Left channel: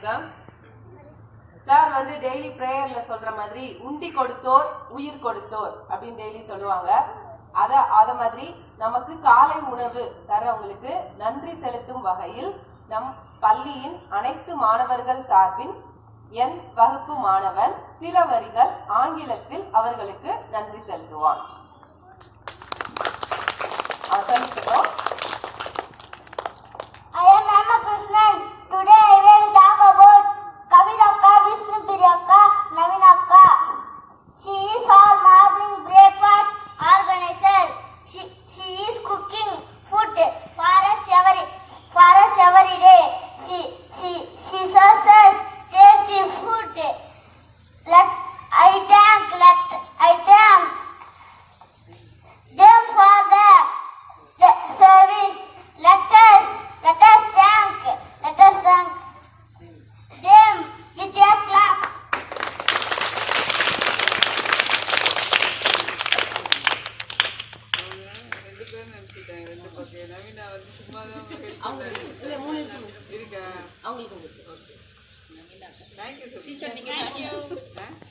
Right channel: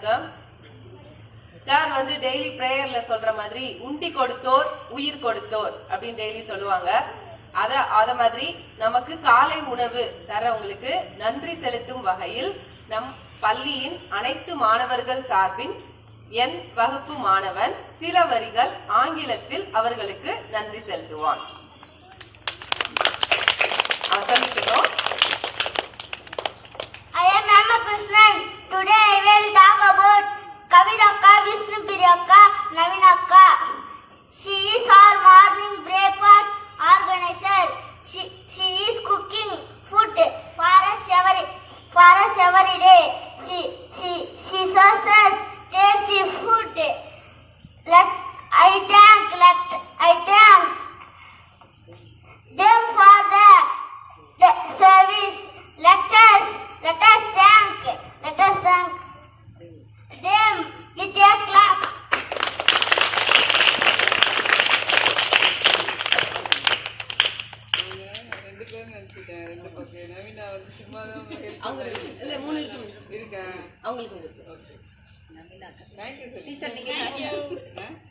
வணக்கம். சார் வந்து டெய்லி பிரேயர்ல சொல்ற மாதிரி உண்டி கொடுத்தோர் உயிர் கொடுத்தோர் அப்படின்னு டெய்லி சொல்லுவாங்க. அத மாதிரி நமக்கு காலை உணவு தரவங்களுக்கு நன்றி செலுத்தும் வகையில் நம் பள்ளியின் அனைத்து மாணவர்கள் சார்பின் என் வகுப்பு மாணவன் சில வரிகள் ஆங்கிலத்தில் அவர்களுக்கு நன்றி செலுத்துவான். சொல்லிக்கிறோம். I am Amma Krishnan. Today I will talk about Kavidakka, Vishnupriyakka, Navinakka. She is our morning breakfast organizer. She is cooking food for us every day. She serves us tasty food. I thank them for the service. Let us thank them with a clap. Thank you.